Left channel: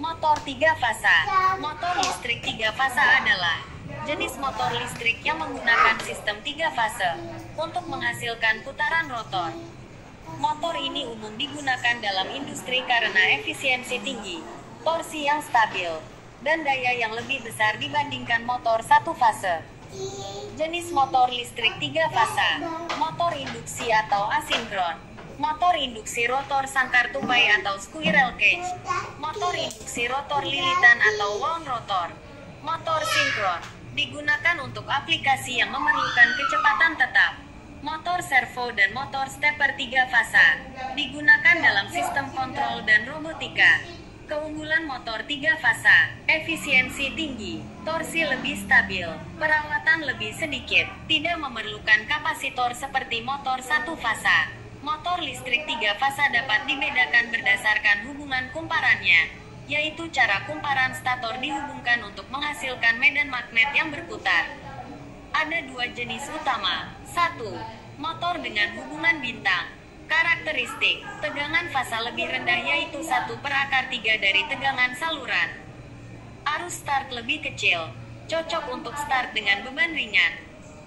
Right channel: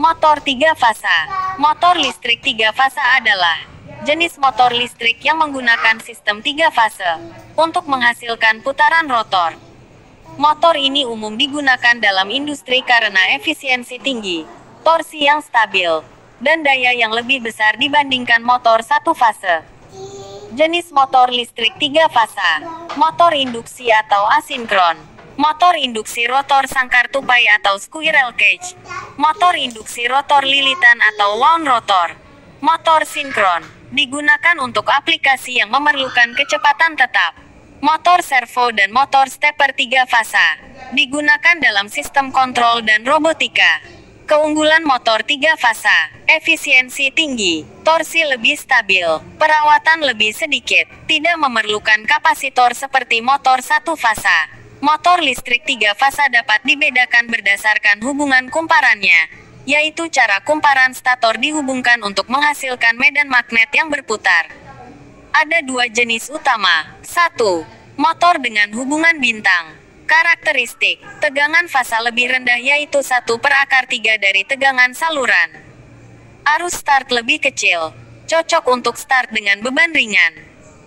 Motor 3 fasa. Motor listrik 3 fasa adalah jenis motor listrik yang menggunakan sistem 3 fase untuk menghasilkan putaran rotor. Motor ini umum digunakan dalam industri karena efisiensi tinggi, torsi yang stabil, dan daya yang lebih besar dibandingkan motor 1 fase. Jenis motor listrik 3 fasa. Motor induksi atau asinkron. Motor induksi rotor sangkar tupai atau squirrel cage. Motor induksi rotor lilitan atau wound rotor. Motor sinkron digunakan untuk aplikasi yang memerlukan kecepatan tetap. Motor servo dan motor stepper 3 fasa digunakan dalam sistem kontrol dan robotika. Keunggulan motor 3 fasa: efisiensi tinggi, torsi lebih stabil, perawatan lebih sedikit, tidak memerlukan kapasitor seperti motor 1 fasa. Motor listrik 3 fasa dapat dibedakan berdasarkan hubungan kumparannya, yaitu cara kumparan stator dihubungkan untuk menghasilkan medan magnet yang berputar. Ada 2 jenis utama. 1. Motor dengan hubungan bintang. Karakteristik: tegangan fasa lebih rendah yaitu 1/3 dari tegangan saluran. Arus start lebih kecil, cocok untuk start dengan beban ringan.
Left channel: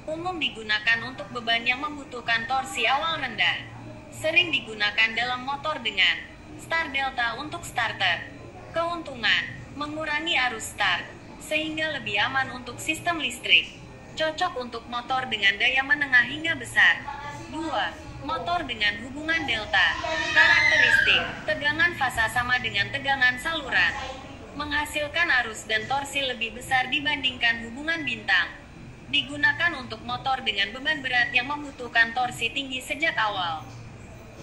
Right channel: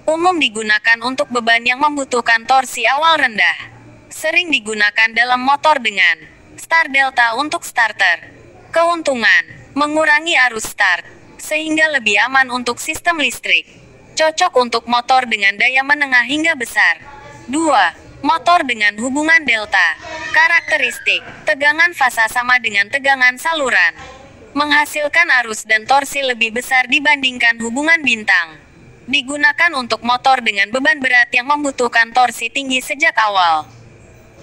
Umum digunakan untuk beban yang membutuhkan torsi awal rendah. Sering digunakan dalam motor dengan start delta untuk starter. Keuntungan: mengurangi arus start, sehingga lebih aman untuk sistem listrik. Cocok untuk motor dengan daya menengah hingga besar. 2. Motor dengan hubungan delta. Karakteristik: tegangan fasa sama dengan tegangan saluran. Menghasilkan arus dan torsi lebih besar dibandingkan hubungan bintang. Digunakan untuk motor dengan beban berat yang membutuhkan torsi tinggi sejak awal.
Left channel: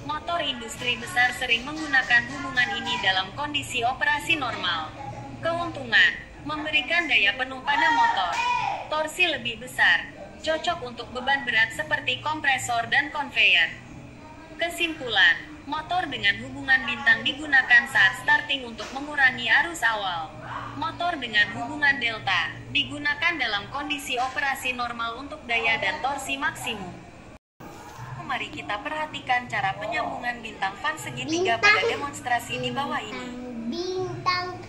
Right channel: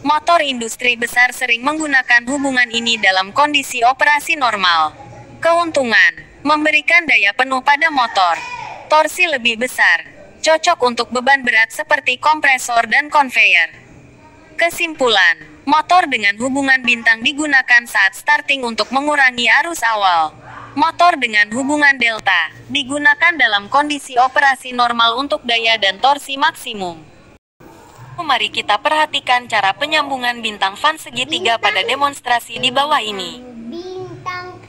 Motor industri besar sering menggunakan hubungan ini dalam kondisi operasi normal. Keuntungan: memberikan daya penuh pada motor. Torsi lebih besar, cocok untuk beban berat seperti kompresor dan konveyor. Kesimpulan: motor dengan hubungan bintang digunakan saat starting untuk mengurangi arus awal. Motor dengan hubungan delta digunakan dalam kondisi operasi normal untuk daya dan torsi maksimum. Mari kita perhatikan cara penyambungan bintang fan segitiga pada demonstrasi di bawah ini. Bintang